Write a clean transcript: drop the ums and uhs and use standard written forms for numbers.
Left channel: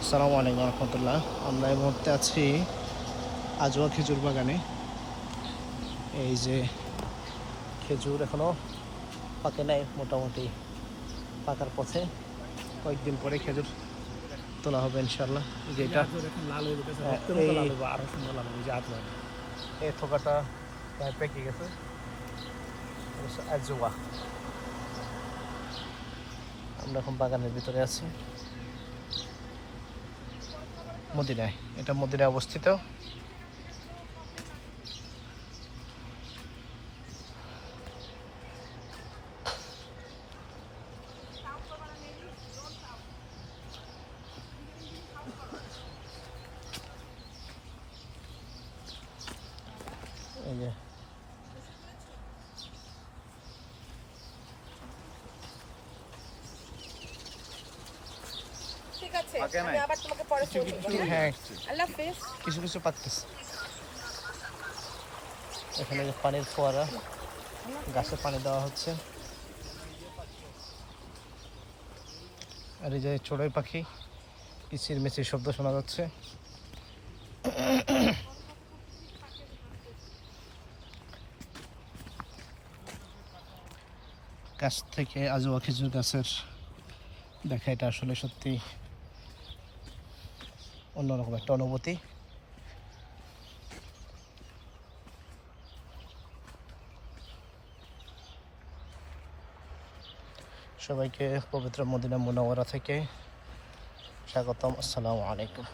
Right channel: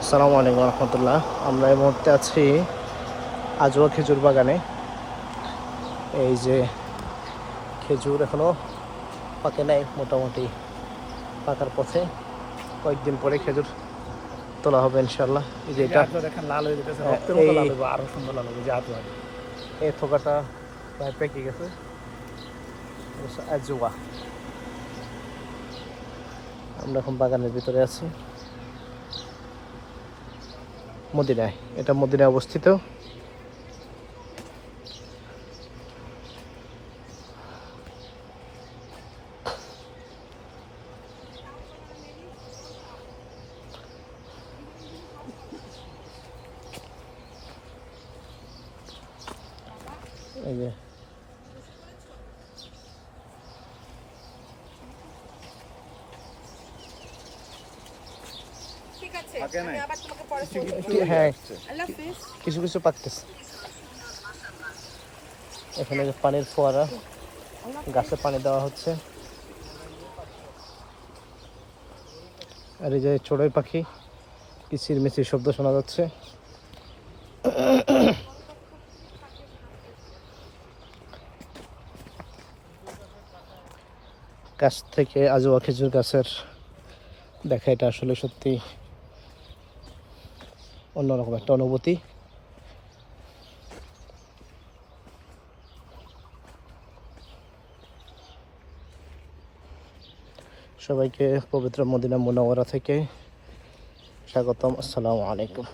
আসসালামু আলাইকুম রহমতুল্লাহ। আমরা এই মুহূর্তে আছি আজওয়া খেজুর বাগানে। এই যে খেজুর এখনো পাকে নাই, মোটামুটি পাকার পথে। কয়েকদিন পরে খেজুর তোলা হবে ইনশাল্লাহ। এই যে এটা দেখেন লাল হয়ে যেতেছে, রক্তের এই মতো লাল হবে, আরো সুন্দর লাল হবে যে আজও হবে। এই থোকাটা প্রায় পেকে গেছে। আজওয়া, আমরা এখন বাগানের ভিতরে আছি মদিনায়। এটা মদিনায় অবস্থিত। এই যে ঠিক আছে, আমি আবার তোমাকে পরে ফোন করব। হ্যাঁ, আল্লাহ হাফেজ। কিছু কিছু পাকতেছে। এখানে পানির ফোয়ারা, গাছে পানি দেওয়া হচ্ছে। আর এই যে চড়ুই পাখি, কিচির মিচির শব্দ শোনা যাচ্ছে। গাছ থেকে আজওয়া খেজুর গাছের দেখা, এটা আসলে সত্যি অন্যরকম একটা অনুভূতি। সবাইকে পবিত্র মদিনা মুনাওয়ারা থেকে স্বাগতম। আসসালামু আলাইকুম।